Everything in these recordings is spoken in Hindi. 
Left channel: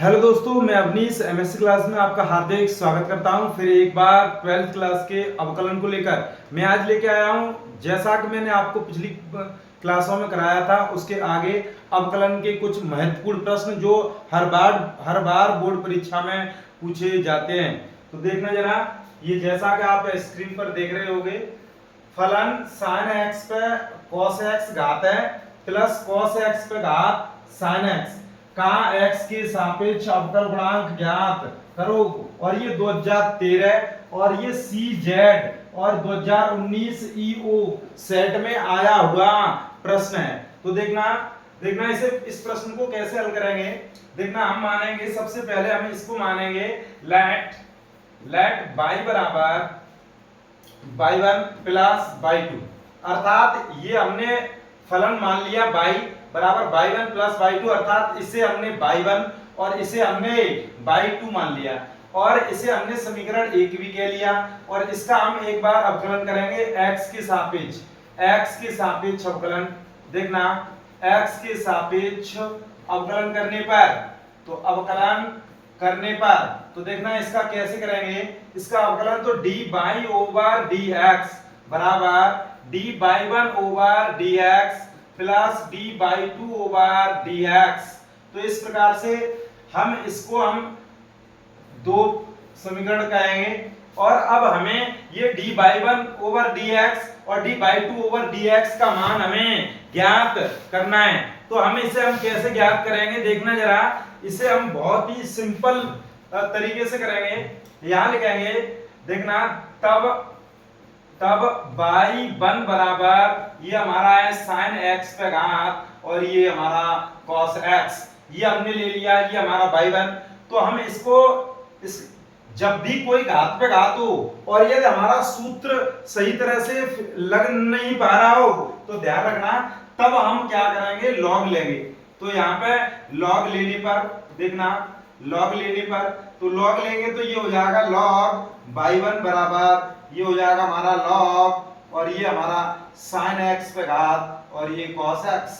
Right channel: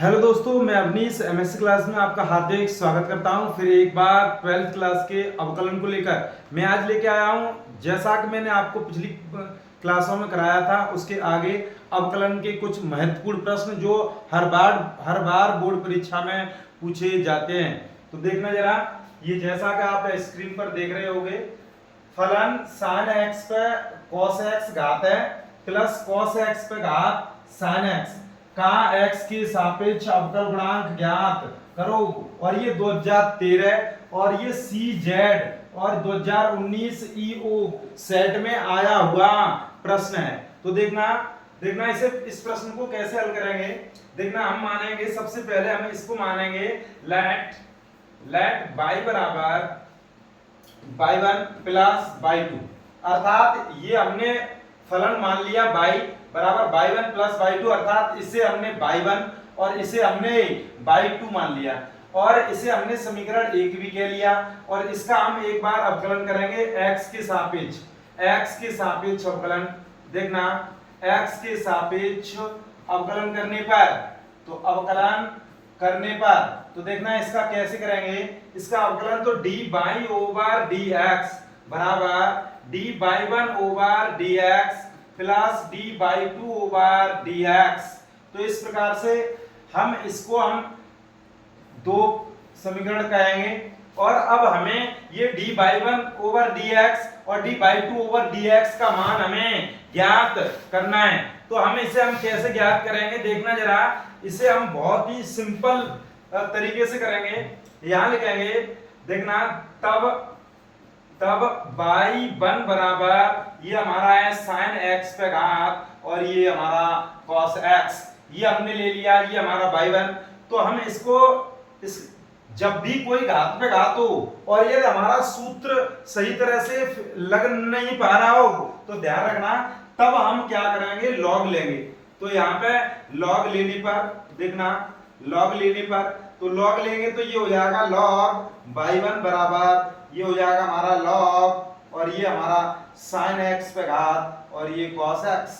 हेलो दोस्तों, मैं अवनीश एमएससी क्लास में आपका हार्दिक स्वागत करता हूं। फिर एक बार 12th क्लास के अवकलन को लेकर मैं आज लेके आया हूं। जैसा कि मैंने आपको पिछली क्लासों में कराया था, उसके आगे अवकलन के कुछ महत्वपूर्ण प्रश्न जो हर बार बोर्ड परीक्षा में पूछे जाते हैं। तो देखना जरा, ये जैसा कि आप स्क्रीन पर देख रहे होंगे, फलन sin x पे cos x घात है प्लस cos x पे घात sin x का x के सापेक्ष अवकल गुणांक ज्ञात करो। और ये 2013 और ये CZ और 2019 EO सेट में आया हुआ प्रश्न है। तो देखना इस प्रश्न को कैसे हल करेंगे। देखना, हम मानेंगे सबसे पहले हम इसको मानेंगे लेट y बराबर y1 प्लस y2, अर्थात ये हमने फलन मान लिया y बराबर y1 प्लस y2, अर्थात इसे हमने y1 और इसे हमने y2 मान लिया और इसे हमने समीकरण 1 भी कह लिया। और इसका हम एक बार अवकलन करेंगे x के सापेक्ष अवकलन। देखना, x के सापेक्ष अवकलन करने पर तो देखना इसका कैसे करेंगे। इसका अवकलन तो dy ओवर dx बराबर dy1 over dx plus dy2 over dx। तो इस प्रकार से हम दो समीकरण कहेंगे। और अब हमें ये dy1 ओवर dx और dy2 ओवर dx का मान हमें ज्ञात करना है। तो हम कैसे ज्ञात करेंगे, देखना जरा, इसे हम बहुत ही सिंपल तरीके से करेंगे। यहां लिखेंगे, देखना, तब y1 बराबर ये हमारा है sin x पे घात और ये हमारा cos x, ये हमने ले लिया, ये हमारा y1। तो हम जब भी कोई घात पे घात हो और ये हमारा सूत्र सही तरह से लग नहीं पा रहा हो तो ध्यान रखना, तब हम क्या करेंगे, लॉग लेंगे। तो यहाँ पे लॉग लेने पर देखना, लॉग लेंगे तो ये हो जाएगा लॉग y1 बराबर ये हो जाएगा हमारा लॉग और ये हमारा sin x पे घात और ये cos x।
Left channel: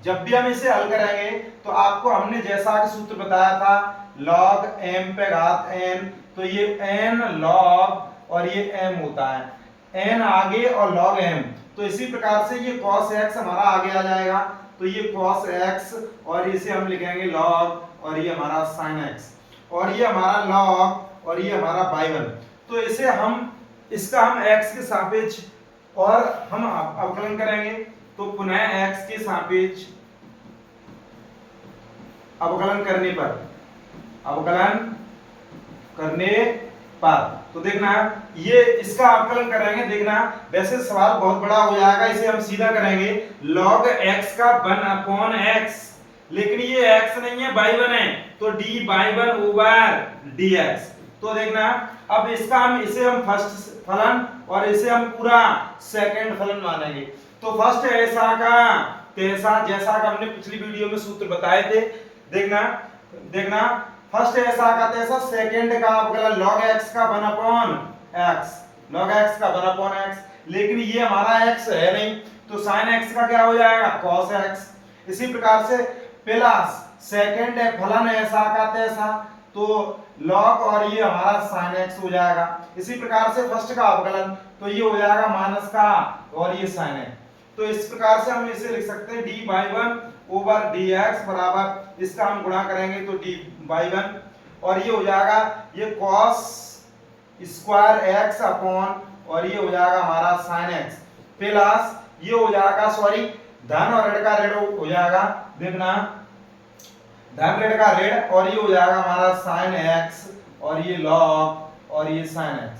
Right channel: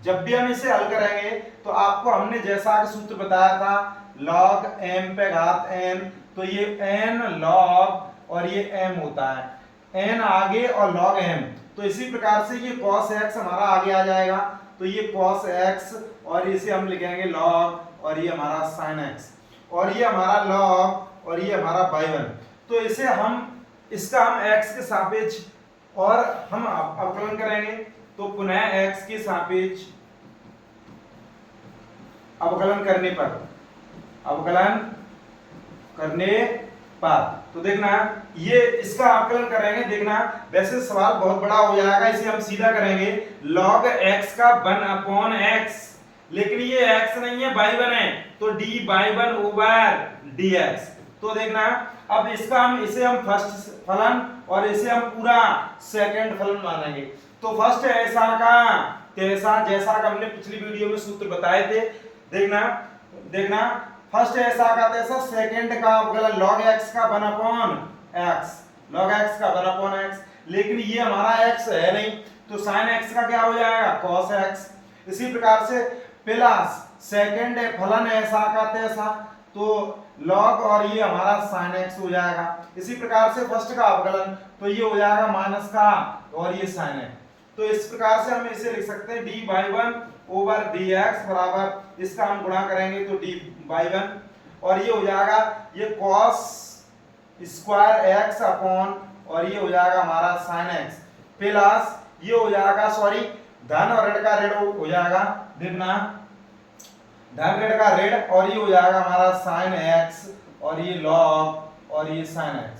जब भी हम इसे हल करेंगे तो आपको हमने जैसा कि सूत्र बताया था, log m पे घात n, तो ये n log और ये m होता है, n आगे और log m। तो इसी प्रकार से ये cos x हमारा आगे आ जाएगा, तो ये cos x और इसे हम लिखेंगे log और ये हमारा sin x और ये हमारा log और ये हमारा y1। तो इसका हम x के सापेक्ष और हम अवकलन करेंगे। तो पुनः x के सापेक्ष अवकलन करने पर तो देखना, ये इसका अवकलन करेंगे। देखना, वैसे सवाल बहुत बड़ा हो जाएगा, इसे हम सीधा करेंगे log x का 1/x, लेकिन ये x नहीं है, y1 है, तो dy1 ओवर dx। तो देखना, अब इसे हम फर्स्ट फलन और इसे हम पूरा सेकंड फलन मानेंगे। तो फर्स्ट ऐसा का तैसा, जैसा कि हमने पिछली वीडियो में सूत्र बताए थे। देखना, फर्स्ट ऐसा का तैसा, सेकंड का अवकलन log x का 1/x, लेकिन ये हमारा x है नहीं, तो sin x का क्या हो जाएगा, cos x। इसी प्रकार से प्लस सेकंड फलन ऐसा का तैसा, तो log और ये हमारा sin x हो जाएगा। इसी प्रकार से फर्स्ट का अवकलन तो ये हो जाएगा माइनस का और ये sin x। तो इस प्रकार से हम इसे लिख सकते हैं dy1 ओवर dx बराबर, इसका हम गुणा करेंगे तो dy1 और ये हो जाएगा ये cos स्क्वायर x अपॉन और ये हो जाएगा हमारा sin x प्लस ये हो जाएगा, सॉरी, धन और ऋण का ऋण हो जाएगा। देखना, धन ऋण का ऋण और ये हो जाएगा हमारा sin x और ये log और ये sin x।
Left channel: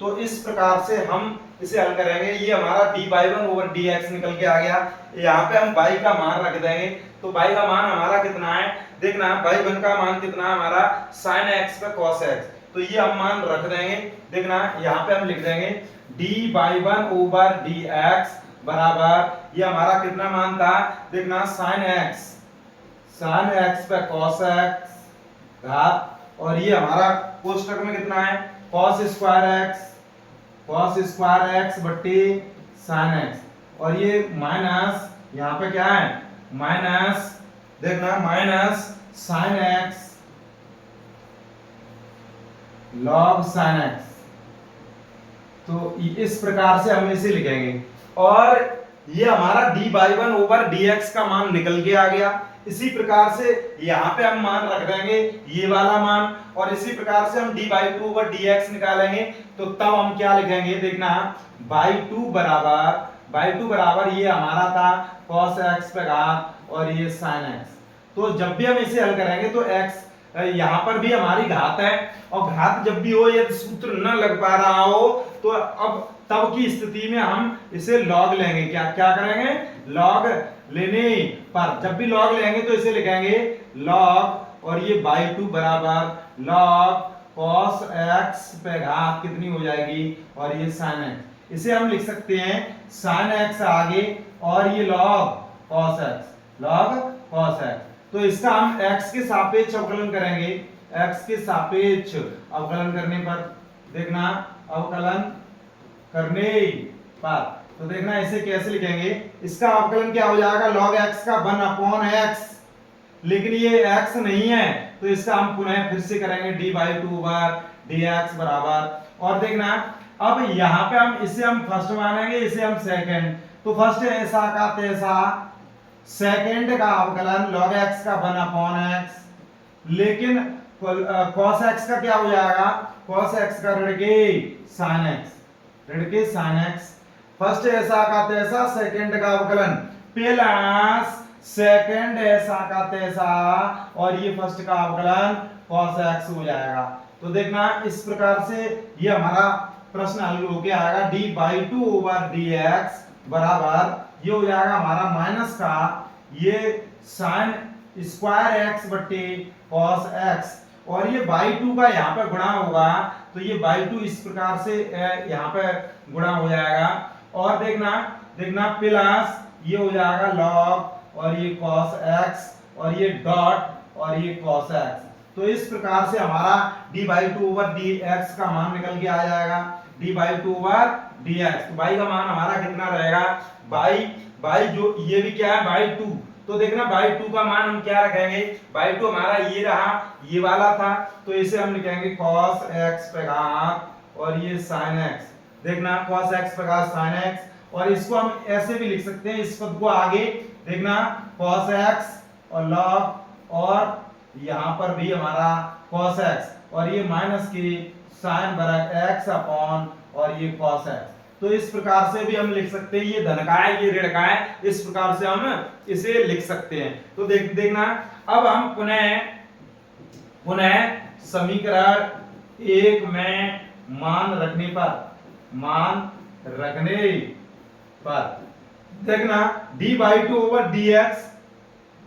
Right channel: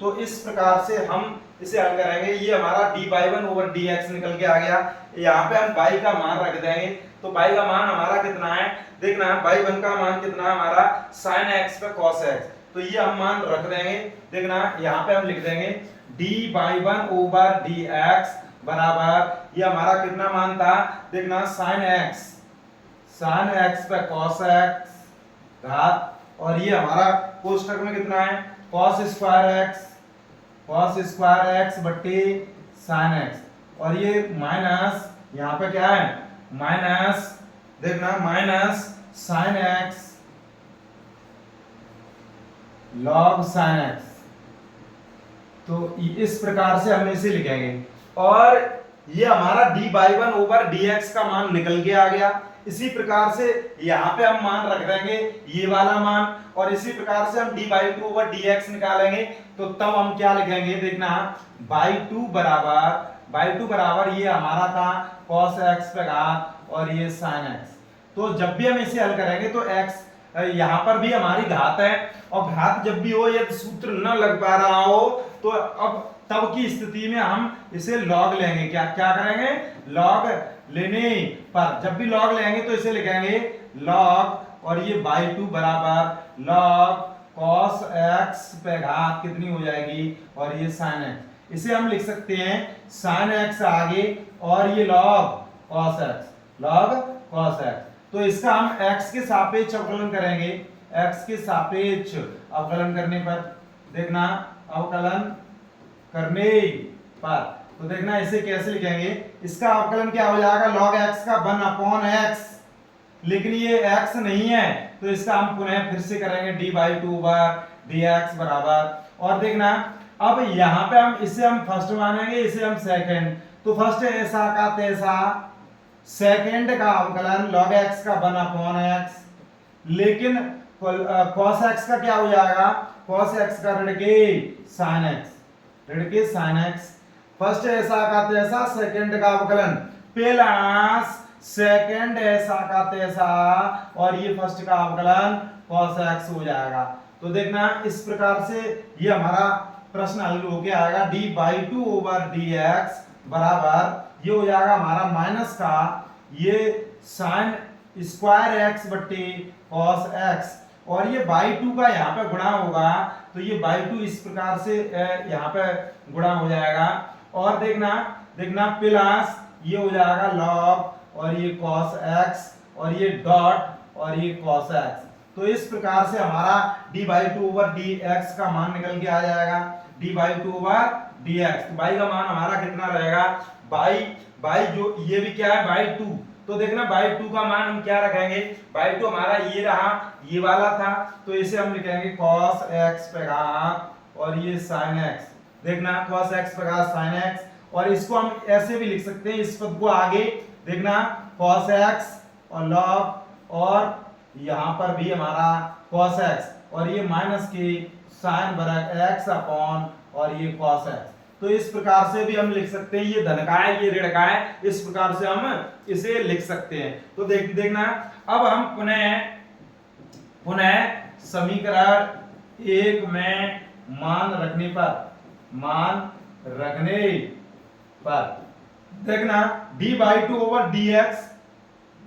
तो इस प्रकार से हम इसे हल करेंगे। ये हमारा dy1 ओवर dx निकल के आ गया। यहाँ पे हम y का मान रख देंगे, तो y का मान हमारा कितना है, देखना, y1 का मान कितना है हमारा sin x पे cos x, तो ये हम मान रख देंगे। देखना, यहाँ पे हम लिख देंगे dy1 ओवर dx बराबर ये हमारा कितना मान था, देखना, sin x पे cos x घात और ये हमारा कोष्टक में कितना है, cos स्क्वायर x बट्टी sin x और ये माइनस यहाँ पे क्या है, माइनस, देखना, minus sin x log sin x। तो इस प्रकार से हम इसे लिखेंगे और ये हमारा D by one over D x का मान निकल के आ गया। इसी प्रकार से यहाँ पे हम मान रख देंगे ये वाला मान, और इसी प्रकार से हम D by two over D x निकालेंगे। तो तब हम क्या लिखेंगे, देखना बाई टू बराबर ये हमारा था cos x पे घात और ये sin x। तो जब भी हम इसे हल करेंगे तो x यहाँ पर भी हमारी घात है, और घात जब भी हो यदि सूत्र न लग पा रहा हो तो अब तब की स्थिति में हम इसे log लेंगे। क्या क्या करेंगे, log लेने पर जब भी log लेंगे तो इसे लिखेंगे log और ये बाई टू बराबर log cos x पे घात कितनी हो जाएगी और ये sin x। इसे हम लिख सकते हैं sin x आगे और ये log cos x। तो इसका हम x के सापेक्ष अवकलन करेंगे। x के सापेक्ष अवकलन करने पर देखना, अवकलन करने पर तो देखना इसे कैसे लिखेंगे, इसका अवकलन क्या हो जाएगा log x का 1/x, लेकिन ये x नहीं है तो इसका हम पुनः फिर से करेंगे d by two over dx बराबर। और देखना अब यहाँ पे हम इसे हम फर्स्ट मानेंगे, इसे हम सेकंड, तो फर्स्ट ऐसा का तैसा सेकंड का अवकलन log x का 1/x, लेकिन cos x का क्या हो जाएगा, cos x का ऋण के sin x। फर्स्ट ऐसा का तैसा सेकंड का अवकलन प्लस सेकंड ऐसा का तैसा और ये फर्स्ट का अवकलन cos x हो जाएगा। तो देखना इस प्रकार से ये हमारा प्रश्न हल होके आएगा d by two over dx बराबर ये हो जाएगा हमारा माइनस का ये sin स्क्वायर x बट्टे cos x, और ये बाई टू का यहाँ पे गुणा होगा तो ये बाई टू इस प्रकार से यहाँ पे गुणा हो जाएगा। और देखना प्लस ये हो जाएगा log और ये cos x और ये डॉट और ये cos x। तो इस प्रकार से हमारा d by two over dx का मान निकल के आ जाएगा, d by two over dx। तो बाई का मान हमारा कितना रहेगा, बाई जो ये भी क्या है बाई टू, तो देखना बाई टू का मान हम क्या रखेंगे, बाई टू हमारा ये रहा, ये वाला था, तो इसे हम लिखेंगे cos x पे घात और ये sin x। देखना cos x पे घात sin x, और इसको हम ऐसे भी लिख सकते हैं इस पद को आगे, देखना cos x और log और यहाँ पर भी हमारा cos x और ये माइनस की sin वर्ग x अपॉन और ये cos x। तो इस प्रकार से भी हम लिख सकते हैं, ये धन का है ये ऋण का है, इस प्रकार से हम इसे लिख सकते हैं। तो देखना अब हम पुनः समीकरण एक में मान रखने पर देखना d by two over dx,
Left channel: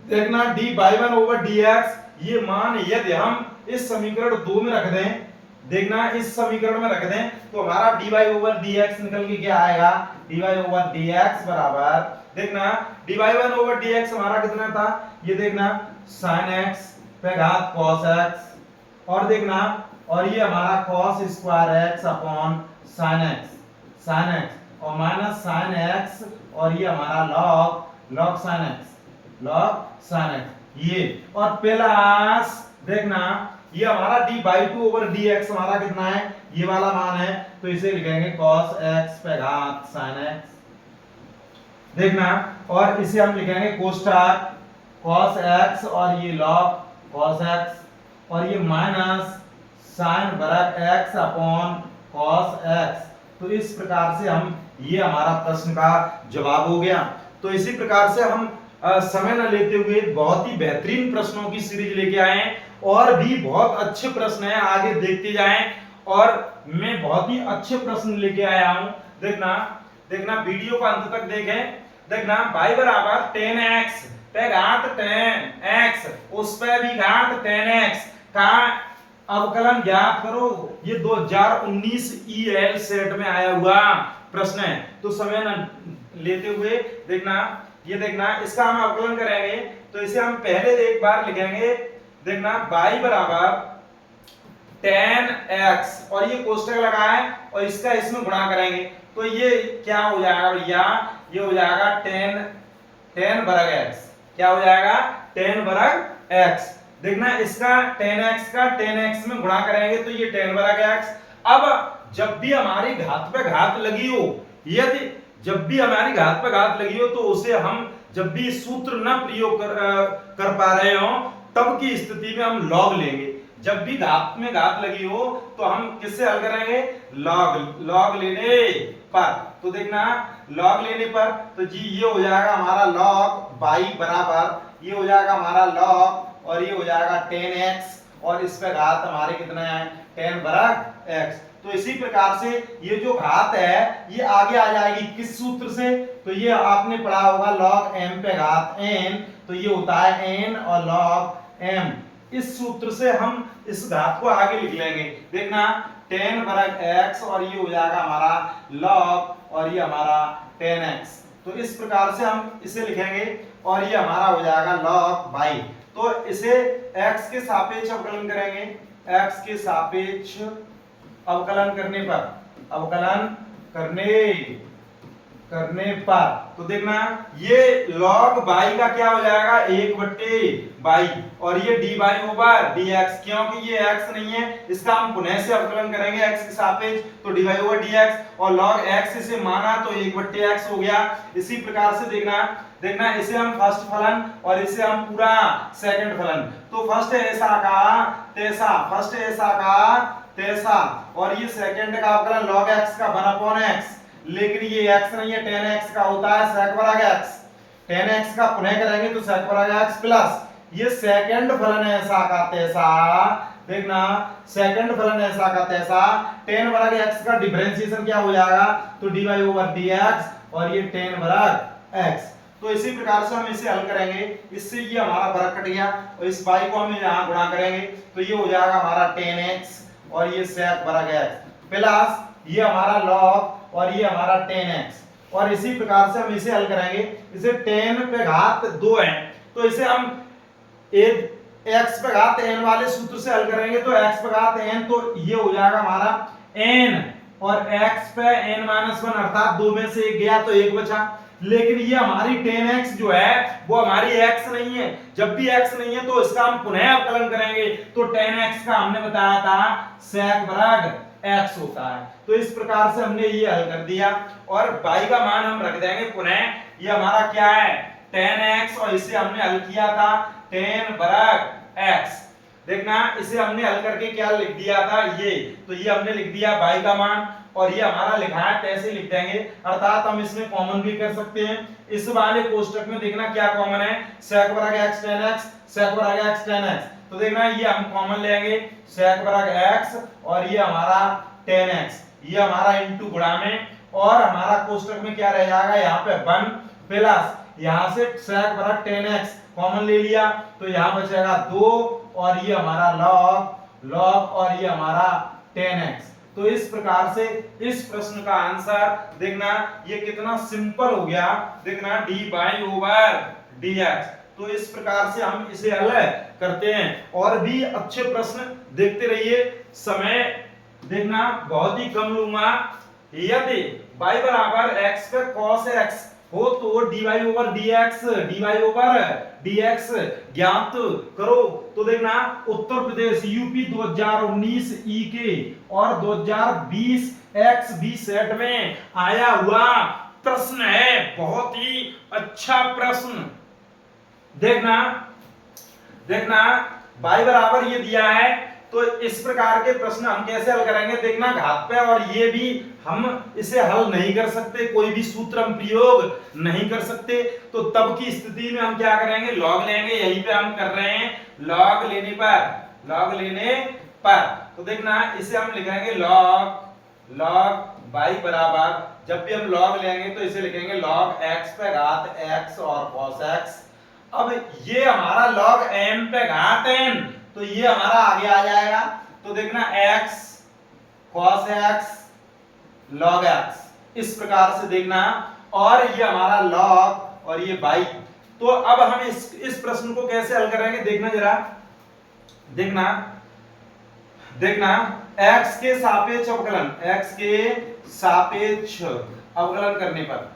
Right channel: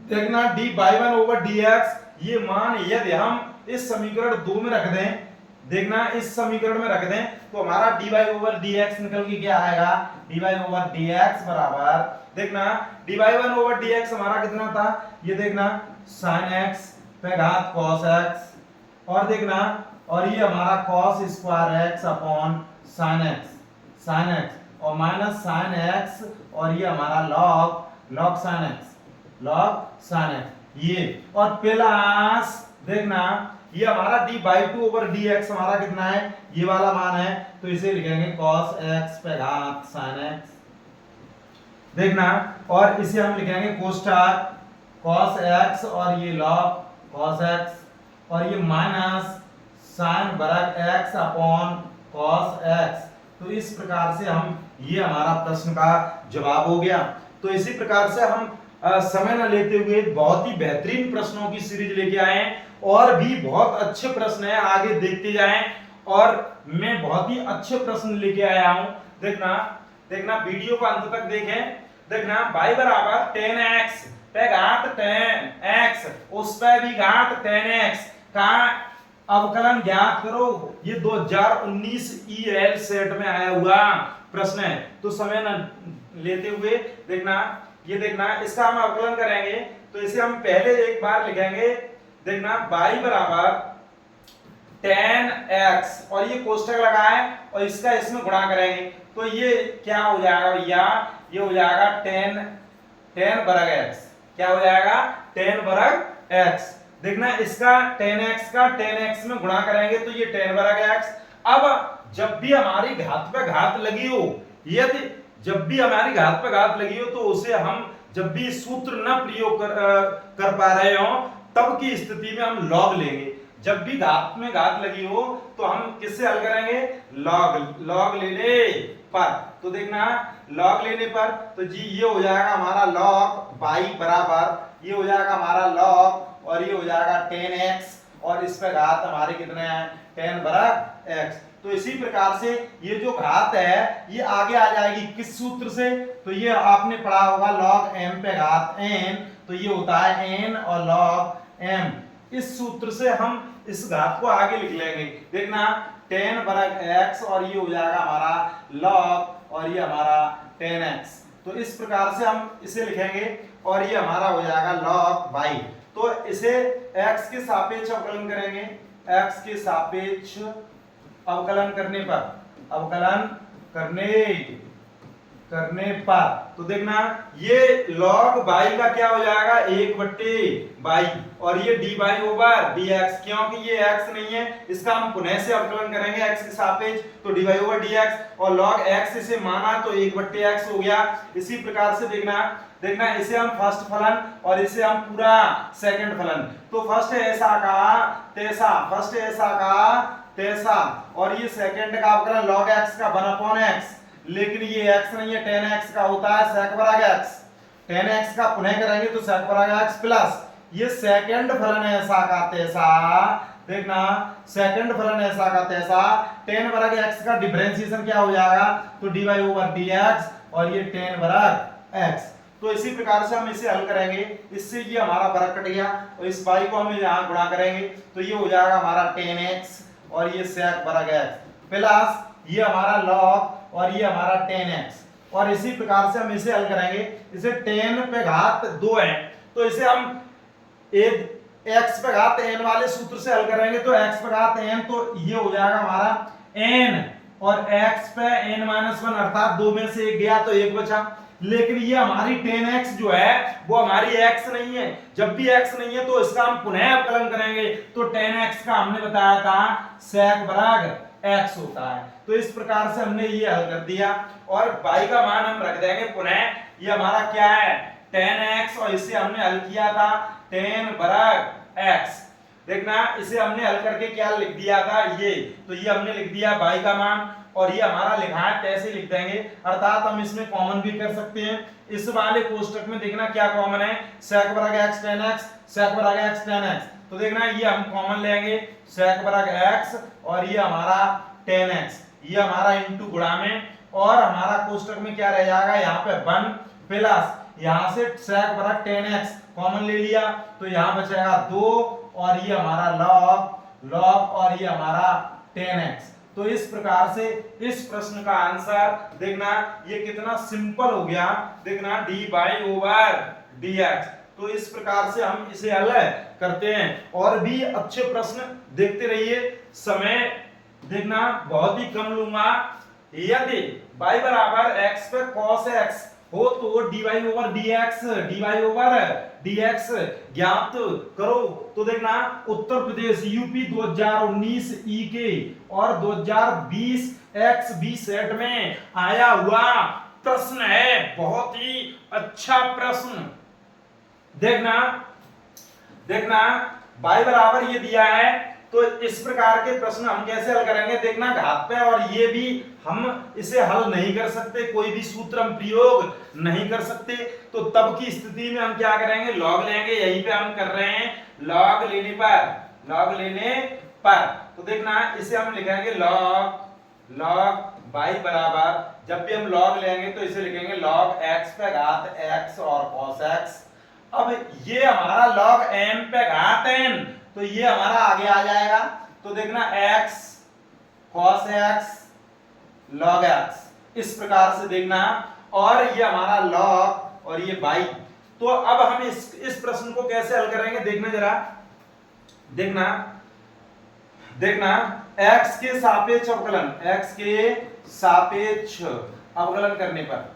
देखना d by one over dx, ये मान यदि हम इस समीकरण दो में रख दें, देखना इस समीकरण में रख दें तो हमारा dy ओवर dx निकल के क्या आएगा, dy ओवर dx बराबर देखना dy वन ओवर dx हमारा कितना था, ये देखना sin x पे घात cos x, और देखना और ये हमारा cos square x upon sin x और माइनस sin x और ये हमारा log sin x ये, और प्लस देखना ये हमारा d by two over dx हमारा कितना है, ये वाला मान है, तो इसे लिखेंगे cos x पे घात sin x। देखना और इसे हम लिखेंगे कोष्ठक cos x और ये log cos x और ये माइनस sin वर्ग x अपॉन cos x। तो इस प्रकार से हम ये हमारा प्रश्न का जवाब हो गया। तो इसी प्रकार से हम समय न लेते हुए बहुत ही बेहतरीन प्रश्नों की सीरीज लेके आए हैं, और भी बहुत अच्छे प्रश्न हैं, आगे देखते जाएं, और मैं बहुत ही अच्छे प्रश्न लेके आया हूं। देखना वीडियो को अंत तक देखें। देखना y बराबर 10x पे घात 10x उस पे भी घात 10x का अवकलन ज्ञात करो। ये 2019 EL सेट में आया हुआ प्रश्न है, तो समय न लेते हुए देखना इसका हम अवकलन करेंगे। तो इसे हम पहले एक बार लिखेंगे, देखना y बराबर 10x और ये कोष्ठक लगा है और इसका इसमें गुणा करेंगे, तो ये क्या हो जाएगा भैया, ये हो जाएगा 10 वर्ग x, क्या हो जाएगा 10 वर्ग x। देखना इसका tan x का tan x में गुणा करेंगे तो ये tan वर्ग x। अब जब भी हमारी घात पे घात लगी हो, यदि जब भी हमारी घात पे घात लगी हो तो उसे हम जब भी सूत्र न प्रयोग कर पा रहे हो तब की स्थिति में हम लॉग लेंगे। जब भी घात में घात लगी हो तो हम किससे हल करेंगे, लॉग लेने पर। तो देखना लॉग लेने पर तो जी ये हो जाएगा हमारा लॉग बाई बराबर, ये हो जाएगा हमारा लॉग और ये हो जाएगा tan x और इस पे घात हमारे कितने हैं tan वर्ग x। तो इसी प्रकार से ये जो घात है ये आगे आ जाएगी किस सूत्र से, तो ये आपने पढ़ा होगा log m पे घात n, तो ये होता है n और log m। इस सूत्र से हम इस घात को आगे लिख लेंगे। देखना tan वर्ग x और ये हो जाएगा हमारा log और ये हमारा tan x। तो इस प्रकार से हम इसे लिखेंगे और ये हमारा हो जाएगा log बाई। तो इसे x के सापेक्ष अवकलन करेंगे, x के सापेक्ष अवकलन करने पर तो देखना ये log बाई का क्या हो जाएगा 1/बाई और ये D by over D x, क्योंकि ये x नहीं है इसका हम पुनः से अवकलन करेंगे x के सापेक्ष तो D by over D x और log x इसे माना तो 1/x हो गया। इसी प्रकार से देखना इसे हम फर्स्ट फलन और इसे हम पूरा सेकंड फलन, तो फर्स्ट ऐसा का तैसा और ये सेकंड का अवकलन log x का 1/x, लेकिन ये x नहीं है tan x का होता है sec वर्ग x। tan x का पुनः करेंगे तो sec वर्ग x प्लस ये सेकंड फलन ऐसा का तैसा, देखना सेकंड फलन ऐसा का तैसा tan वर्ग x का डिफरेंशिएशन क्या हो जाएगा तो dy ओवर dx और ये tan वर्ग x। तो इसी प्रकार से हम इसे हल करेंगे, इससे ये हमारा वर्ग कट गया और इस y को हम यहां गुणा करेंगे तो ये हो जाएगा हमारा tan x और ये sec वर्ग x प्लस ये हमारा log और ये हमारा tan x। और इसी प्रकार से हम इसे हल करेंगे, इसे tan पे घात 2 है तो इसे हम x पे घात n वाले सूत्र से हल करेंगे तो x पे घात n तो ये हो जाएगा हमारा n और x पे n-1 अर्थात 2 में से 1 गया तो 1 बचा। लेकिन ये हमारी tan x जो है वो हमारी x नहीं है, जब भी x नहीं है तो इसका हम पुनः अवकलन करेंगे तो tan x का हमने बताया था sec वर्ग x होता है। तो इस प्रकार से हमने ये हल कर दिया और y का मान हम रख देंगे पुनः, ये हमारा क्या है tan x और इसे हमने हल किया था tan वर्ग x। देखना इसे हमने हल करके क्या लिख दिया था ये, तो ये हमने लिख दिया y का मान और ये हमारा लिखा है कैसे लिख देंगे, अर्थात हम इसमें कॉमन भी कर सकते हैं। इस वाले कोष्टक में देखना क्या कॉमन है sec वर्ग x tan x, sec वर्ग x tan x। तो देखना ये हम कॉमन लेंगे sec वर्ग x और ये हमारा tan x, ये हमारा इनटू गुणा में और हमारा कोष्टक में क्या रह जाएगा यहाँ पे 1 प्लस यहाँ से sec वर्ग tan x कॉमन ले लिया तो यहाँ बचेगा 2 और ये हमारा log और ये हमारा tan x। तो इस प्रकार से इस प्रश्न का आंसर देखना ये कितना सिंपल हो गया, देखना D by over D x. तो इस प्रकार से हम इसे हल करते हैं और भी अच्छे प्रश्न देखते रहिए। समय देखना बहुत ही कम लूंगा। यदि y बराबर x पे cos x हो तो dy ओवर dx ज्ञात करो। तो देखना उत्तर प्रदेश यूपी 2019 के और 2020 XB सेट में आया हुआ प्रश्न है, बहुत ही अच्छा प्रश्न। देखना y बराबर ये दिया है तो इस प्रकार के प्रश्न हम कैसे हल करेंगे, देखना घात पे और ये भी हम इसे हल नहीं कर सकते, कोई भी सूत्र हम प्रयोग नहीं कर सकते। तो तब की स्थिति में हम क्या करेंगे लॉग लेंगे, यहीं पे हम कर रहे हैं लॉग लेने पर। तो देखना इसे हम लिखेंगे लॉग y बराबर, जब भी हम लॉग लेंगे तो इसे लिखेंगे log x पे घात x और cos x। अब ये हमारा log m पे घात n तो ये हमारा आगे आ जाएगा। तो देखना x cos x log x, इस प्रकार से देखना और ये हमारा log और ये y। तो अब हम इस प्रश्न को कैसे हल करेंगे देखना जरा, देखना x के सापेक्ष अवकलन करने पर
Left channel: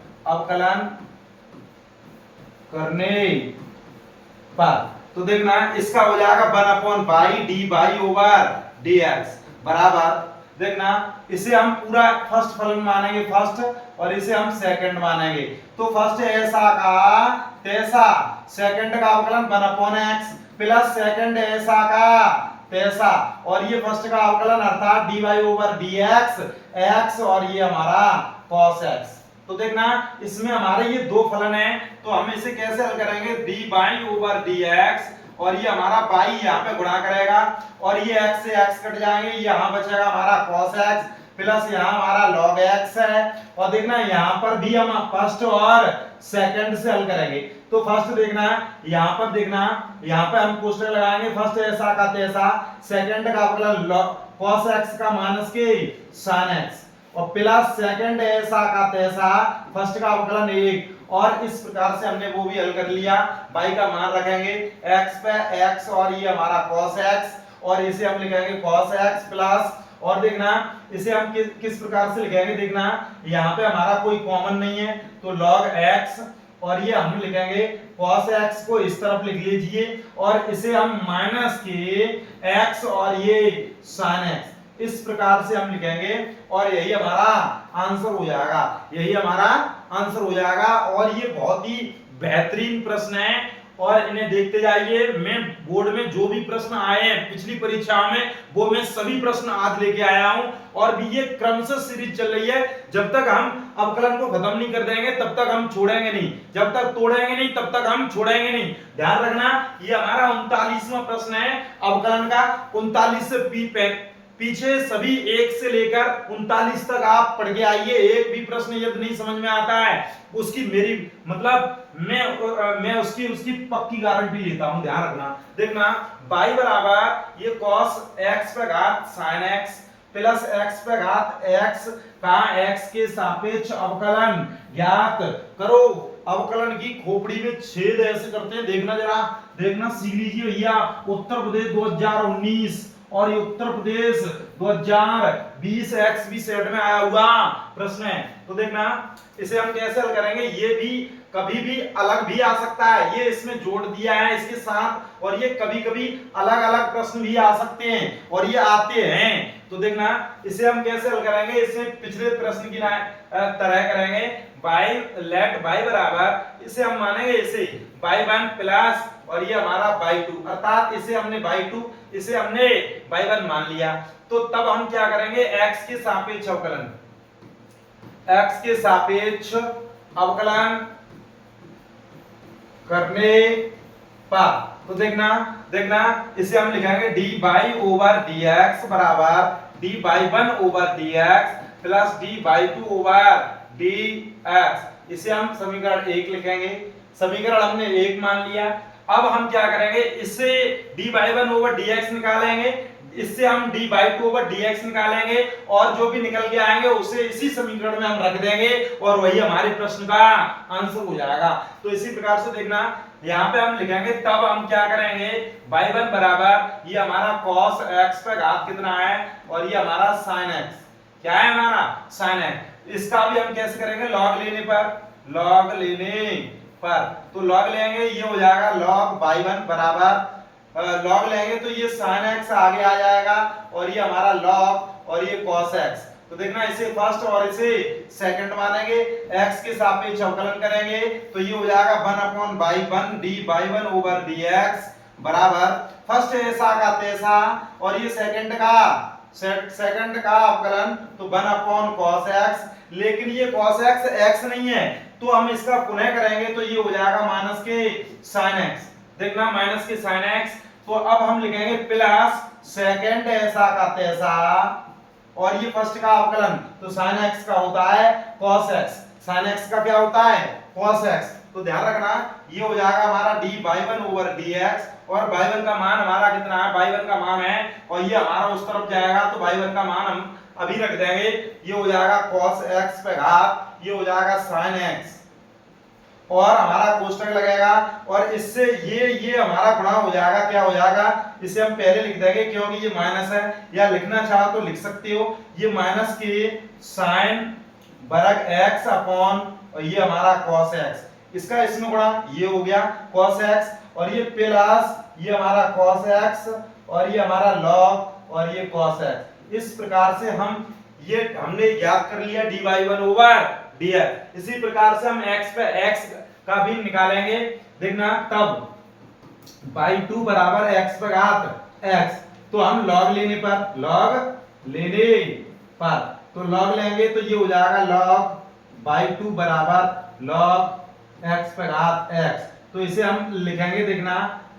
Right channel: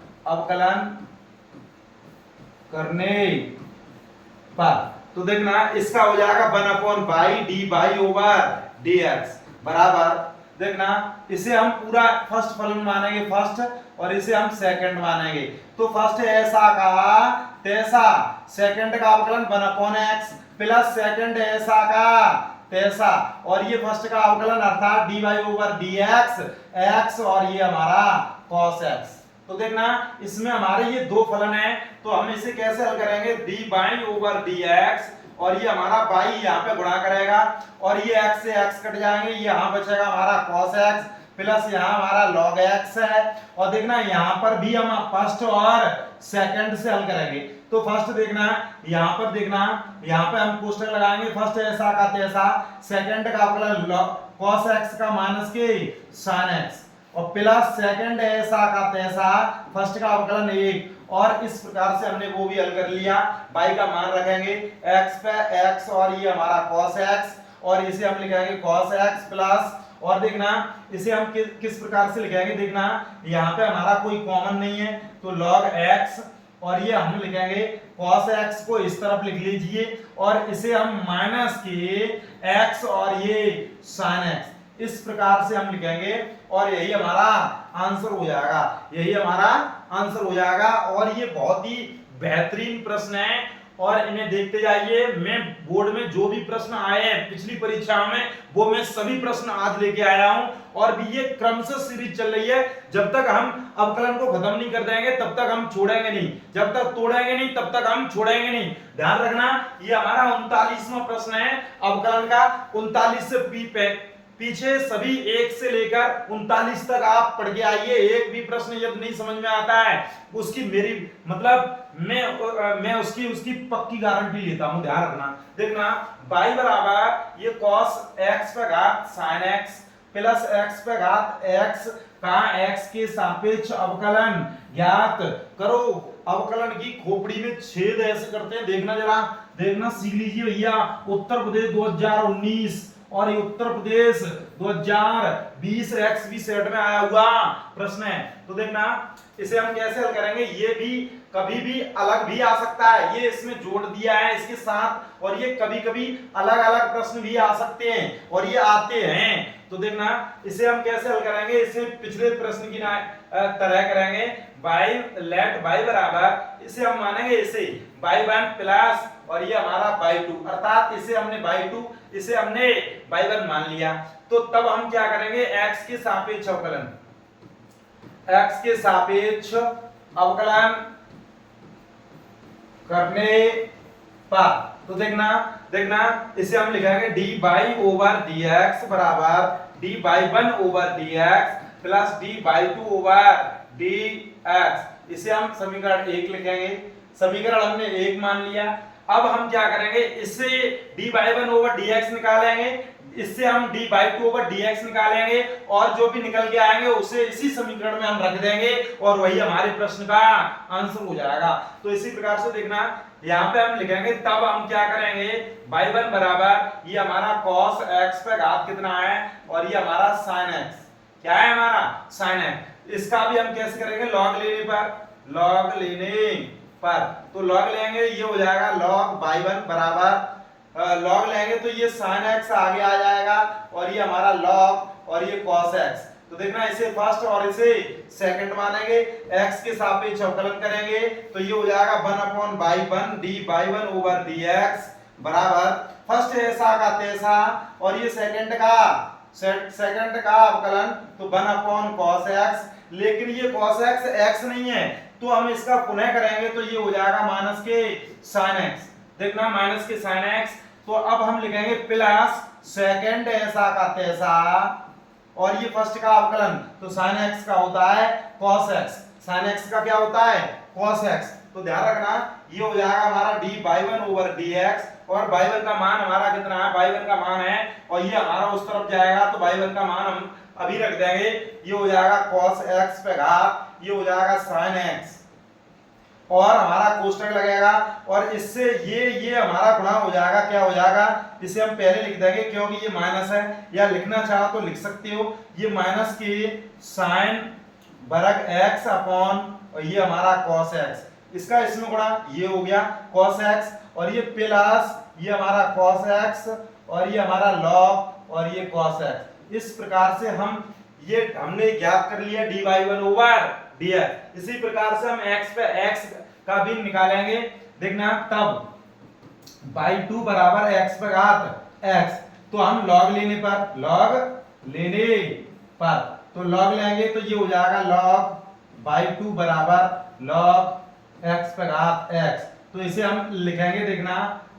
तो देखना इसका हो जाएगा 1/बाई D by over D X बराबर, देखना इसे हम पूरा फर्स्ट फलन मानेंगे फर्स्ट, और इसे हम सेकंड मानेंगे। तो फर्स्ट ऐसा का तैसा, सेकंड का अवकलन 1/x प्लस सेकंड ऐसा का तैसा, और ये फर्स्ट का अवकलन अर्थात dy ओवर dx x, और ये हमारा cos x। तो देखना इसमें हमारे ये दो फलन हैं, तो हम इसे कैसे हल करेंगे, dy ओवर dx, और ये हमारा बाई यहाँ पे गुणा करेगा, और ये x से x कट जाएंगे, ये यहाँ बचेगा हमारा cos x प्लस यहाँ हमारा log x है। और देखना यहाँ पर भी हम फर्स्ट और सेकंड से हल करेंगे। तो फर्स्ट देखना यहाँ पर, देखना यहाँ पे हम कोष्टक लगाएंगे, फर्स्ट ऐसा का तैसा, सेकंड का अवकलन cos x का माइनस के sin x, और प्लस सेकंड ऐसा का तैसा, फर्स्ट का अवकलन 1, और इस प्रकार से हमने वो भी हल कर लिया। y का मान रखेंगे x पे x, और ये हमारा cos x, और इसे हम लिखेंगे cos x प्लस, और देखना इसे हम किस प्रकार से लिखेंगे, देखना यहाँ पे हमारा कोई कॉमन नहीं है तो log x, और ये हम लिखेंगे cos x को इस तरफ लिख लीजिए, और इसे हम माइनस के x, और ये sin x, इस प्रकार से हम लिखेंगे, और यही हमारा आंसर हो जाएगा, यही हमारा आंसर हो जाएगा। और ये बहुत ही बेहतरीन प्रश्न है, और इन्हें देखते जाइए। मैं बोर्ड में जो भी प्रश्न आए हैं पिछली परीक्षाओं में, वो मैं सभी प्रश्न आज लेके आया हूं, और भी ये क्रमशः सीरीज चल रही है। जब तक हम अवकलन को खत्म नहीं कर देंगे तब तक हम छोड़ेंगे नहीं, जब तक तोड़ेंगे नहीं तब तक हम छोड़ेंगे नहीं। ध्यान रखना, ये हमारा 39वां प्रश्न है अवकलन का। 39 से पीछे सभी 1 से लेकर 39 तक आप पढ़ के आइए। एक भी प्रश्न यदि नहीं समझ में आता है उसकी मेरी मतलब मैं उसकी पक्की गारंटी लेता हूं, ध्यान रखना। देखना y बराबर ये cos x पे घात sin x प्लस x पे घात x का x के सापेक्ष अवकलन ज्ञात करो। अवकलन की खोपड़ी में छेद ऐसे करते हैं, देखना जरा, देखना सीख लीजिए भैया। उत्तर प्रदेश 2019 और ये उत्तर प्रदेश 2020 XB सेट में आया हुआ प्रश्न है। तो देखना इसे हम कैसे हल करेंगे, ये भी कभी भी अलग भी आ सकता है, ये इसमें जोड़ दिया है इसके साथ, और ये कभी कभी अलग अलग प्रश्न भी आ सकते हैं, और ये आते हैं। तो देखना इसे हम कैसे हल करेंगे, इसे पिछले प्रश्न की तरह करेंगे। लेट y बराबर, इसे हम मानेंगे इसे y1 प्लस, और ये हमारा y2, अर्थात इसे हमने y2 इसे हमने y1 मान लिया। तो तब हम क्या करेंगे, x के सापेक्ष अवकलन, x के सापेक्ष अवकलन करने पर, तो देखना इसे हम लिखेंगे dy ओवर dx बराबर dy1 over dx plus dy2 over dx। इसे हम समीकरण 1 लिखेंगे, समीकरण हमने 1 मान लिया। अब हम क्या करेंगे, इससे dy1 ओवर dx निकालेंगे, इससे हम dy2 ओवर dx निकालेंगे, और जो भी निकल के आएंगे उसे इसी समीकरण में हम रख देंगे, और वही हमारे प्रश्न का आंसर हो जाएगा। तो इसी प्रकार से देखना यहाँ पे हम लिखेंगे, तब हम क्या करेंगे, y1 बराबर ये हमारा cos x पे घात कितना है, और ये हमारा sin x, क्या है हमारा sin x। इसका भी हम कैसे करेंगे, log लेने पर, तो log लेंगे, ये हो जाएगा log y1 बराबर log लेंगे तो ये sin x आगे आ जाएगा, और ये हमारा log, और ये cos x। तो देखना इसे फर्स्ट और इसे सेकंड मानेंगे, x के सापेक्ष अवकलन करेंगे, तो ये हो जाएगा 1/y1 dy1 ओवर dx बराबर फर्स्ट ऐसा का तैसा, और ये सेकंड का अवकलन तो 1/cos x। लेकिन ये cos x x नहीं है, तो हम इसका पुनः करेंगे, तो ये हो जाएगा माइनस के sin x। देखना माइनस के sin x, तो अब हम लिखेंगे प्लस सेकंड ऐसा का तैसा, और ये फर्स्ट का अवकलन तो sin x का होता है cos x, sin x का क्या होता है cos x। तो ध्यान रखना ये हो जाएगा हमारा dy1 ओवर dx, और y1 का मान हमारा कितना है, y1 का मान है, और ये हमारा उस तरफ जाएगा, तो y1 का मान हम अभी रख देंगे, ये हो जाएगा cos x पे घात, ये हो जाएगा sin x, और हमारा कोष्टक लगेगा, और इससे ये हमारा गुणा हो जाएगा, क्या हो जाएगा, इसे हम पहले लिख देंगे क्योंकि ये माइनस है, या लिखना चाहो तो लिख सकते हो, ये माइनस के sin वर्ग x अपॉन, और ये हमारा cos x, इसका इसमें गुणा, ये हो गया cos x, और ये प्लस ये हमारा cos x, और ये हमारा log, और ये cos x। इस प्रकार से हम ये हमने ज्ञात कर लिया dy1 ओवर dx। इसी प्रकार से हम x पे x का भी निकालेंगे। देखना तब y2 बराबर x पे घात x, तो हम log लेने पर तो log लेंगे तो ये हो जाएगा log y2 बराबर log x पे घात x। तो इसे हम लिखेंगे, देखना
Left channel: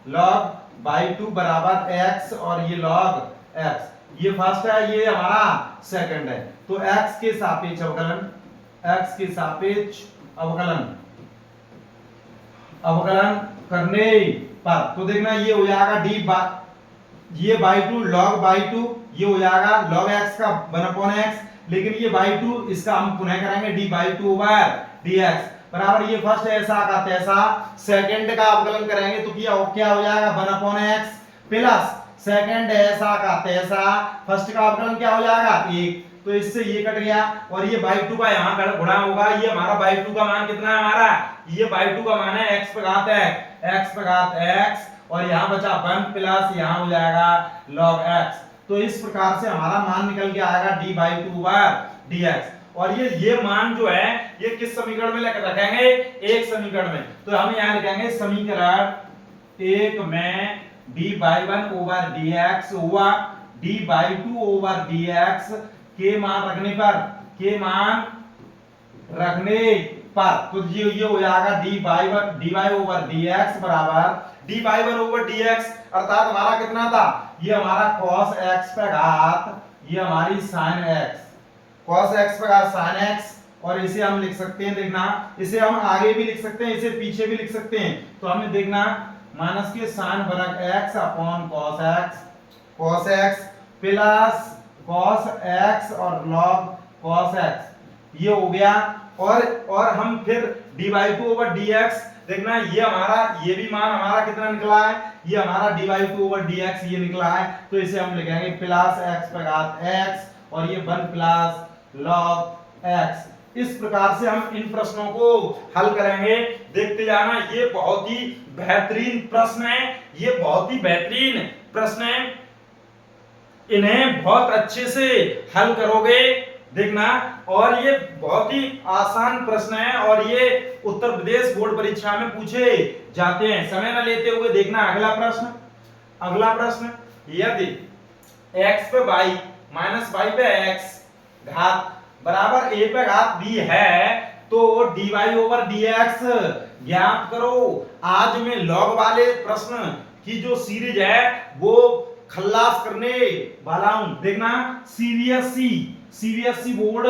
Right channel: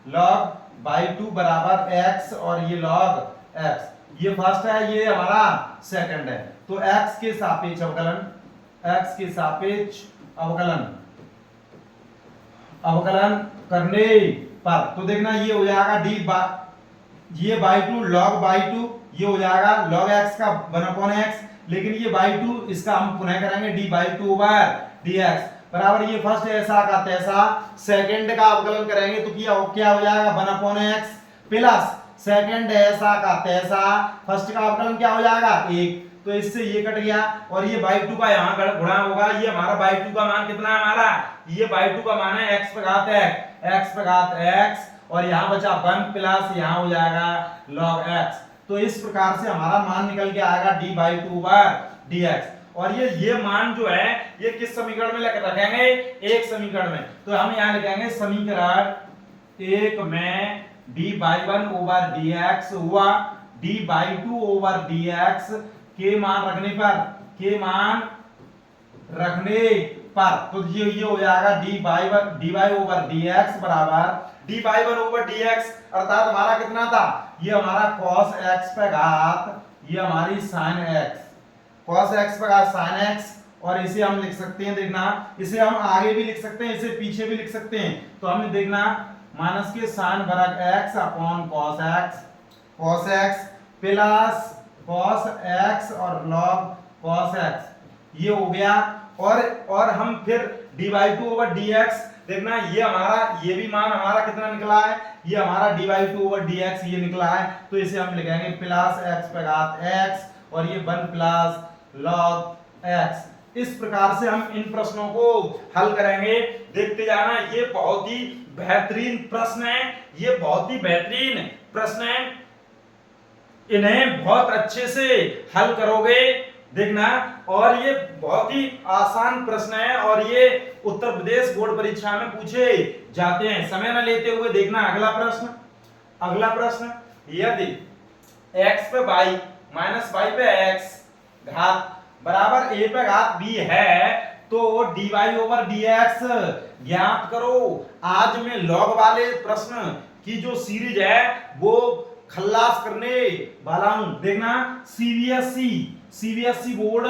log y2 बराबर x और ये log x, ये फर्स्ट है, ये हमारा सेकंड है। तो x के सापेक्ष अवकलन, x के सापेक्ष अवकलन करने पर तो देखना ये हो जाएगा ये y2 log y2, ये हो जाएगा log x का 1/x, लेकिन ये y2 इसका हम पुनः करेंगे dy2 ओवर dx बराबर ये फर्स्ट ऐसा का तैसा, सेकंड का अवकलन करेंगे तो क्या हो जाएगा 1/x प्लस सेकंड ऐसा का तैसा, फर्स्ट का अवकलन क्या हो जाएगा 1, तो इससे ये कट गया, और ये y2 का यहाँ गुणा होगा। ये हमारा y2 का मान कितना है हमारा, ये y2 का मान है x पे घात x, और यहाँ बचा 1 प्लस यहाँ हो जाएगा log x। तो इस प्रकार से हमारा मान निकल के आएगा dy2 ओवर dx। और ये मान जो है ये किस समीकरण में लेकर रखेंगे, एक समीकरण में। तो हम यहाँ लिखेंगे समीकरण 1 में dy1 ओवर dx हुआ dy2 ओवर dx के मान रखने पर तो ये हो जाएगा dy ओवर dx बराबर dy1 ओवर dx, अर्थात हमारा कितना था, ये हमारा cos x पे घात, ये हमारी sin x, cos x पे घात sin x, और इसे हम लिख सकते हैं, देखना इसे हम आगे भी लिख सकते हैं, इसे पीछे भी लिख सकते हैं। तो हमें देखना माइनस के sin वर्ग x upon cos x plus cos x और log cos x, ये हो गया। और हम फिर dy2 ओवर dx, देखना ये हमारा ये भी मान हमारा कितना निकला है, ये हमारा dy2 ओवर dx ये निकला है, तो इसे हम लिखेंगे प्लस x पे घात x, और ये 1 प्लस log x। इस प्रकार से हम इन प्रश्नों को हल करेंगे, देखते जाना। ये बहुत ही बेहतरीन प्रश्न है, ये बहुत ही बेहतरीन प्रश्न है, इन्हें बहुत अच्छे से हल करोगे, देखना। और ये बहुत ही आसान प्रश्न है, और ये उत्तर प्रदेश बोर्ड परीक्षा में पूछे जाते हैं। समय न लेते हुए देखना अगला प्रश्न, यदि x पे y माइनस y पे x घात बराबर a पे घात b है तो dy ओवर dx ज्ञात करो। आज में लॉग वाले प्रश्न की जो सीरीज है वो खल्लास करने वाला हूं, देखना। सीबीएसई बोर्ड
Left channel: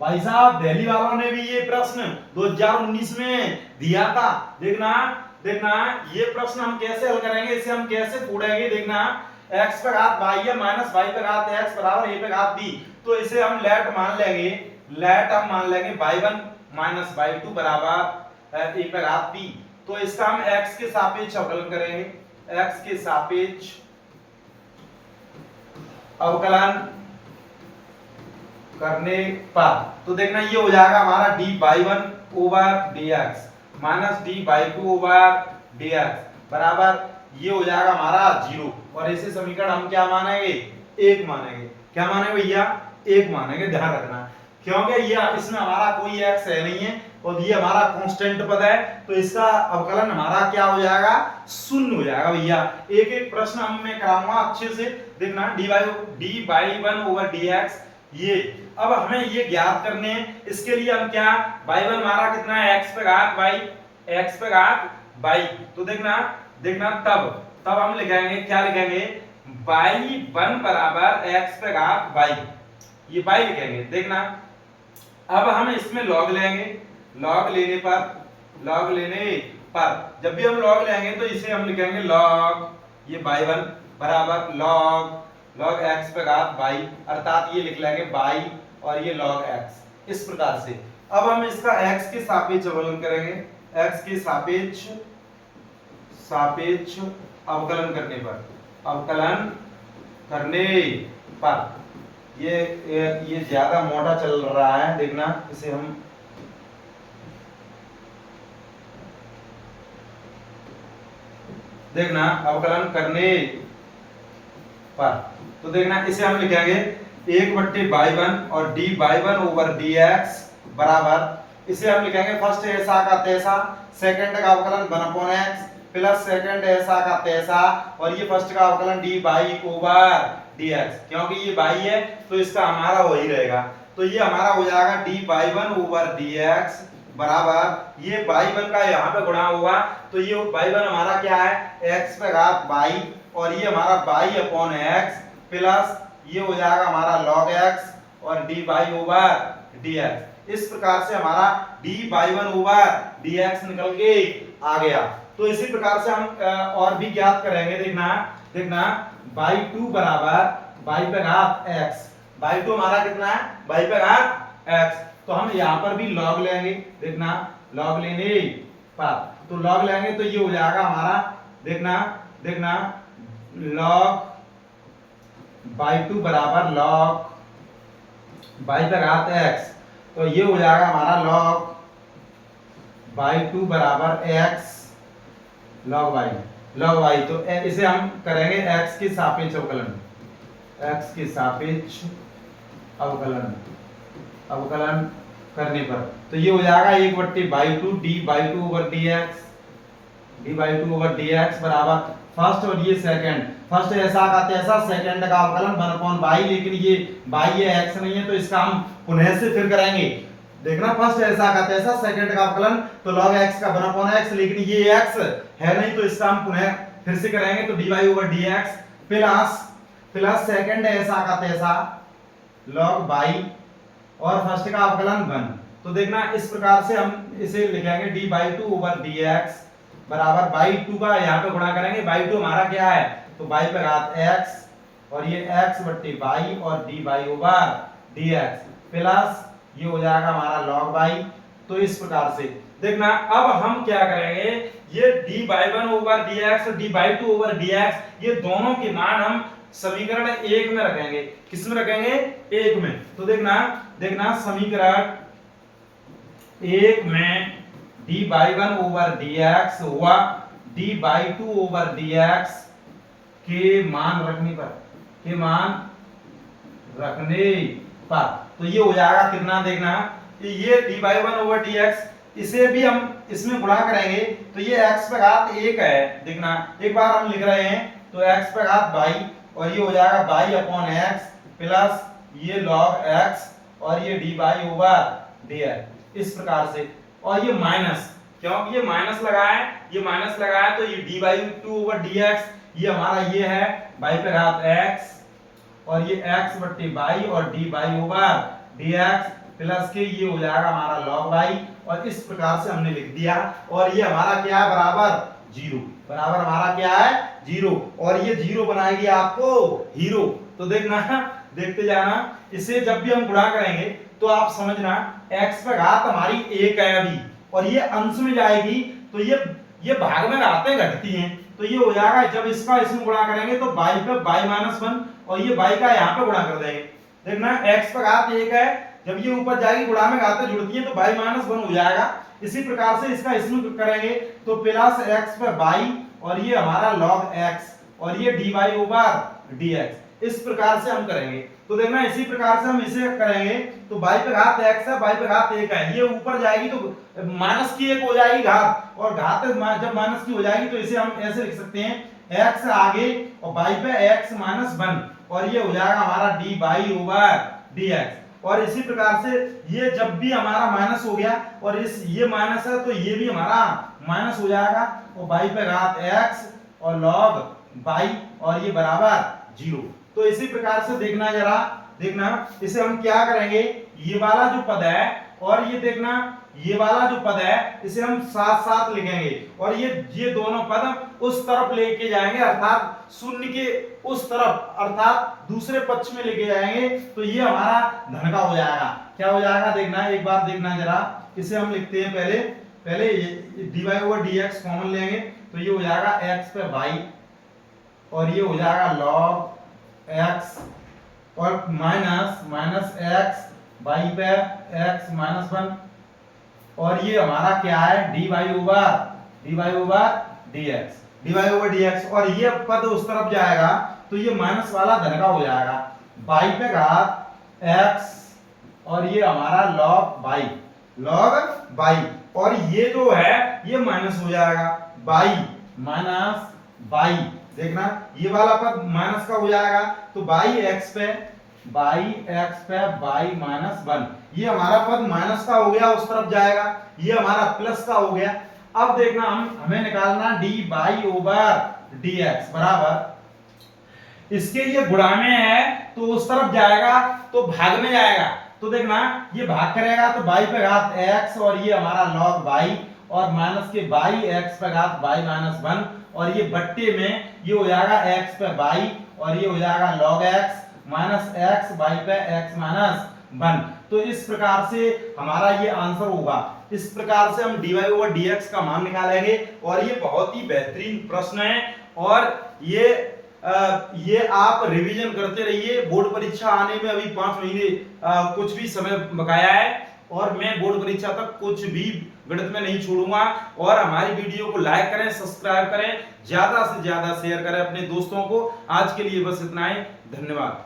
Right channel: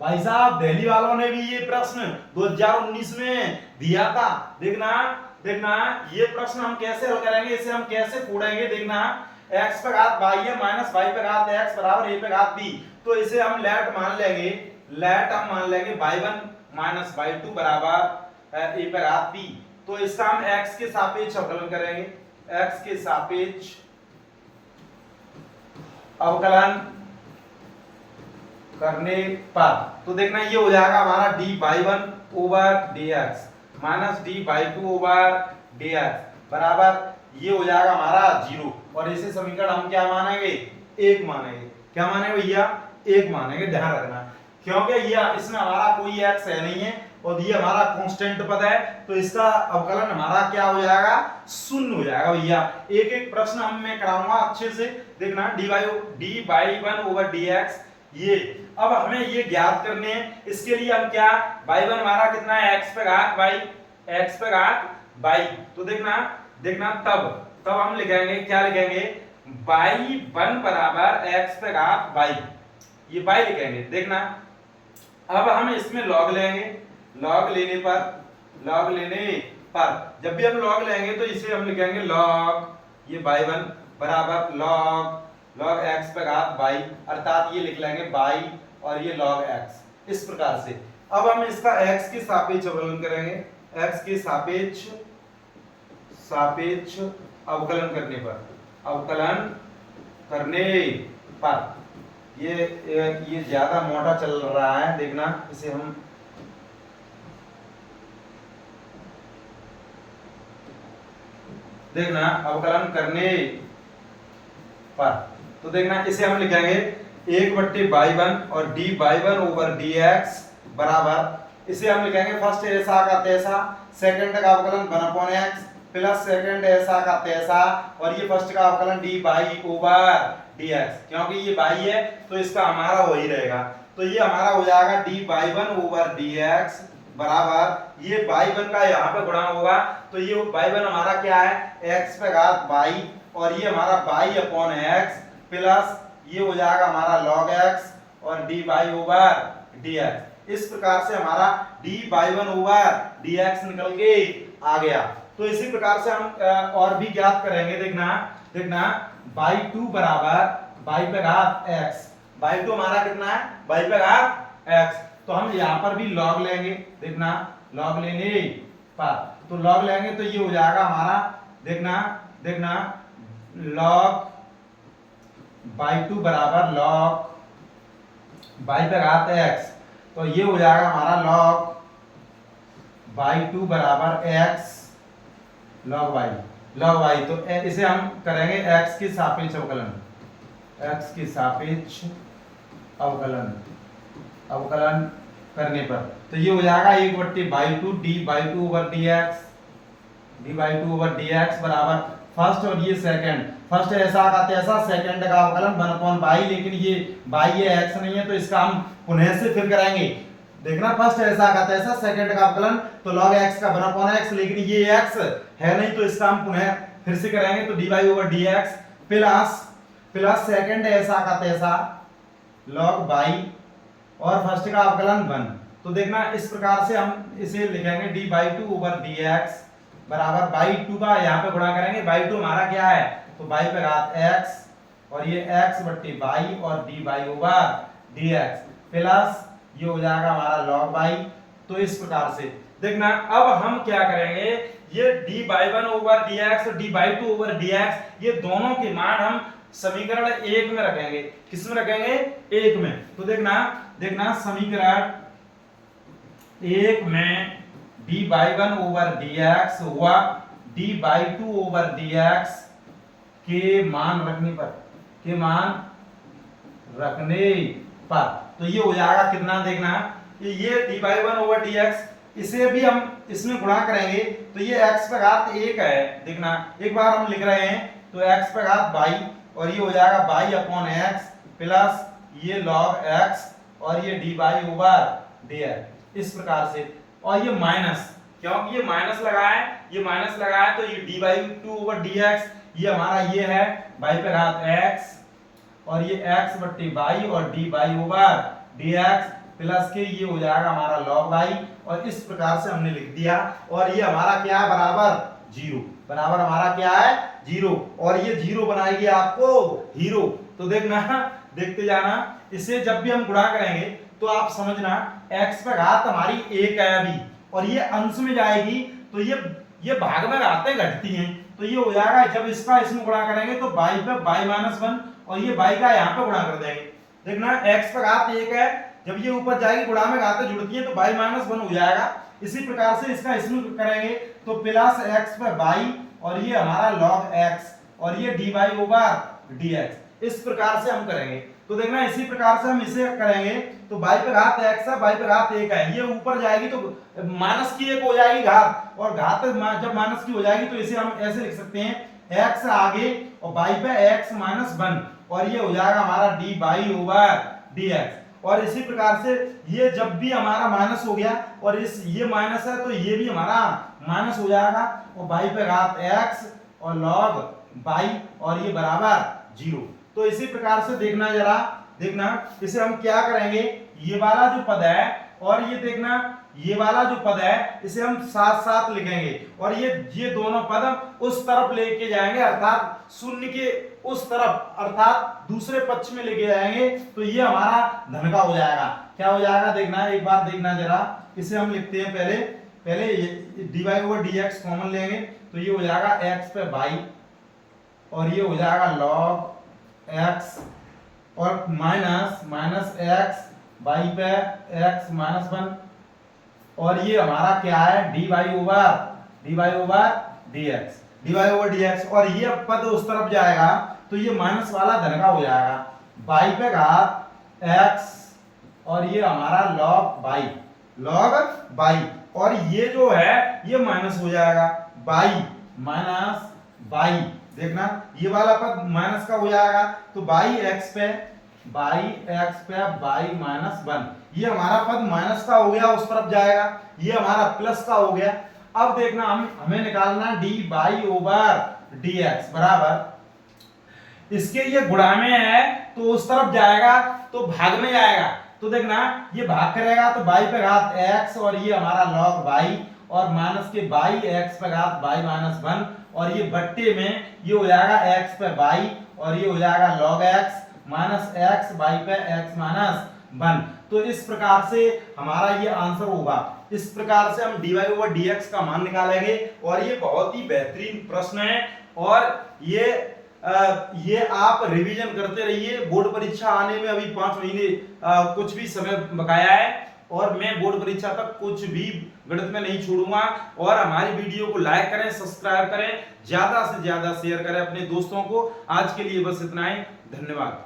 भाई साहब दिल्ली वालों ने भी ये प्रश्न 2019 में दिया था, देखना ये प्रश्न हम कैसे हल करेंगे, इसे हम कैसे फोड़ेंगे, देखना। x पे घात y है माइनस y पे घात x बराबर a पे घात b, तो इसे हम लेट मान लेंगे y1 माइनस y2 बराबर a पे घात b। तो इसका हम x के सापेक्ष अवकलन करेंगे, x के सापेक्ष अवकलन करने पर तो देखना ये हो जाएगा हमारा dy1 over dx minus dy2 over dx बराबर ये हो जाएगा हमारा 0, और इसे समीकरण हम क्या मानेंगे, 1 मानेंगे। क्या मानेंगे भैया, 1 मानेंगे, ध्यान रखना, क्योंकि ये इसमें हमारा कोई x है नहीं है और ये हमारा कांस्टेंट पद है, तो इसका अवकलन हमारा क्या हो जाएगा, 0 हो जाएगा भैया। एक एक प्रश्न हम मैं कराऊंगा अच्छे से, देखना। dy1 ओवर dx, ये अब हमें ये ज्ञात करने हैं, इसके लिए हम क्या, y1 हमारा कितना है, x पे घात y, तो देखना तब हम लिखेंगे, क्या लिखेंगे, y1 बराबर x पे घात y, ये y लिखेंगे, देखना। अब हम इसमें log लेंगे, log लेने पर जब भी हम log लेंगे तो इसे हम लिखेंगे log ये y1 बराबर log x पे घात y, अर्थात ये लिख लेंगे y और ये log x। इस प्रकार से अब हम इसका x के सापेक्ष अवकलन करेंगे, x के सापेक्ष अवकलन करने पर ये ज्यादा मोटा चल रहा है, देखना। इसे हम देखना अवकलन करने पर, तो देखना इसे हम लिखेंगे 1/y1 और dy1/dx बराबर, इसे हम लिखेंगे फर्स्ट ऐसा का तैसा, सेकंड का अवकलन 1/x प्लस सेकंड ऐसा का तैसा, और ये फर्स्ट का अवकलन dy/dx, क्योंकि ये y है तो इसका हमारा वही रहेगा, तो ये हमारा हो जाएगा dy1/dx बराबर, ये y1 का यहाँ पे गुणा होगा, तो ये y1 हमारा क्या है x पे घात y, और ये हमारा y/x प्लस ये हो जाएगा हमारा log x और dy/dx। इस प्रकार से हमारा dy1/dx निकल के आ गया। तो इसी प्रकार से हम और भी ज्ञात करेंगे। देखना y2 बराबर y पे घात x, y2 हमारा कितना है y पे घात x, तो हम यहाँ पर भी log लेंगे। देखना log लेंगे पर, तो log लेंगे तो ये हो जाएगा हमारा, देखना log y2 बराबर log y पे घात x, तो ये हो जाएगा हमारा log y2 बराबर x log y, तो इसे हम करेंगे x के सापेक्ष अवकलन, x के सापेक्ष अवकलन करने पर, तो ये हो जाएगा 1/y2 dy2/dx बराबर फर्स्ट और ये सेकंड, फर्स्ट ऐसा का तैसा, सेकंड का अवकलन 1/y, लेकिन ये y है x नहीं है, तो इसका हम पुनः से फिर करेंगे। देखना फर्स्ट ऐसा का तैसा, सेकंड का अवकलन तो log x का 1/x, लेकिन ये x है नहीं, तो इसका हम पुनः फिर से करेंगे, तो dy/dx प्लस सेकंड ऐसा का तैसा log y और फर्स्ट का अवकलन 1, तो देखना इस प्रकार से हम इसे लिखेंगे dy2/dx बराबर y2 का यहाँ पे गुणा करेंगे, y2 हमारा क्या है तो y पे घात x और ये x/y और dy/dx प्लस ये हो जाएगा हमारा log y। तो इस प्रकार से देखना अब हम क्या करेंगे, ये dy1/dx और dy2/dx ये दोनों के मान हम समीकरण 1 में रखेंगे। किस में रखेंगे? 1 में। तो देखना समीकरण 1 में dy1/dx हुआ dy2/dx के मान रखने पर, तो ये हो जाएगा कितना, देखना ये dy1/dx, इसे भी हम इसमें गुणा करेंगे, तो ये x पे घात 1 है। देखना एक बार हम लिख रहे हैं, तो x पे घात y और ये हो जाएगा y/x प्लस ये log x और ये dy/dx इस प्रकार से, और ये माइनस, क्योंकि ये माइनस लगा है, तो ये dy2/dx ये हमारा ये है y पे घात x और ये x/y और dy/dx प्लस के ये हो जाएगा हमारा log y, और इस प्रकार से हमने लिख दिया, और ये हमारा क्या है बराबर 0, बराबर हमारा क्या है 0, और ये 0 बनाएगी आपको हीरो। तो देखते जाना, इसे जब भी हम गुणा करेंगे तो आप समझना x पे घात हमारी 1 है अभी, और ये अंश में जाएगी तो ये भाग में घातें घटती हैं, तो ये हो जाएगा जब इसका इसमें गुणा करेंगे तो y पे y-1 और ये y का यहाँ पे गुणा कर देंगे। देखना x पे घात 1 है, जब ये ऊपर जाएगी गुणा में घातें जुड़ती हैं तो y-1 हो जाएगा। इसी प्रकार से इसका इसमें करेंगे तो प्लस x पे y और ये हमारा log x और ये dy/dx, इस प्रकार से हम करेंगे। तो देखना इसी प्रकार से हम इसे करेंगे, तो y पे घात x है, y पे घात 1 है, ये ऊपर जाएगी तो माइनस की 1 हो जाएगी घात, और घात जब माइनस की हो जाएगी तो इसे हम ऐसे लिख सकते हैं x आगे और y पे x-1 और ये हो जाएगा हमारा dy/dx। और इसी प्रकार से ये जब भी हमारा माइनस हो गया और ये माइनस है तो ये भी हमारा माइनस हो जाएगा, और y पे घात x और log y और ये बराबर 0। तो इसी प्रकार से देखना इसे हम क्या करेंगे, ये वाला जो पद है और ये देखना ये वाला जो पद है इसे हम साथ साथ लिखेंगे, और ये दोनों पद उस तरफ लेके जाएंगे, अर्थात शून्य के उस तरफ, अर्थात दूसरे पक्ष में लेके जाएंगे, तो ये हमारा धन का हो जाएगा। क्या हो जाएगा देखना, एक बार देखना जरा, इसे हम लिखते हैं पहले dy/dx कॉमन लेंगे, तो ये हो जाएगा x पे y और ये हो जाएगा log x और माइनस x y पे x-1 और ये हमारा क्या है dy/dx। dy/dx, और ये पद उस तरफ जाएगा तो ये माइनस वाला धन का हो जाएगा, y पे घात x, और ये हमारा log y, और ये जो है ये माइनस हो जाएगा y माइनस y, देखना ये वाला पद माइनस का हो जाएगा तो x पे y माइनस 1, ये हमारा पद माइनस का हो गया, उस तरफ जाएगा, ये हमारा प्लस का हो गया। अब देखना हमें निकालना dy/dx बराबर, इसके ये गुणा में है तो उस तरफ जाएगा तो भाग में जाएगा, तो देखना ये भाग करेगा तो y पे घात x, और ये हमारा log y, और माइनस के x पे घात y माइनस 1, और ये बट्टे में ये हो जाएगा x पे y, और ये हो जाएगा log x minus x y पे x माइनस 1। तो इस प्रकार से हमारा ये आंसर होगा। इस प्रकार से हम dy/dx का मान निकालेंगे, और ये बहुत ही बेहतरीन प्रश्न है, और ये आप रिवीजन करते रहिए। बोर्ड परीक्षा आने में अभी 5 महीने कुछ भी समय बकाया है, और मैं बोर्ड परीक्षा तक कुछ भी गणित में नहीं छोड़ूंगा। और हमारी वीडियो को लाइक करें, सब्सक्राइब करें, ज्यादा से ज्यादा शेयर करें अपने दोस्तों को। आज के लिए बस इतना ही, धन्यवाद।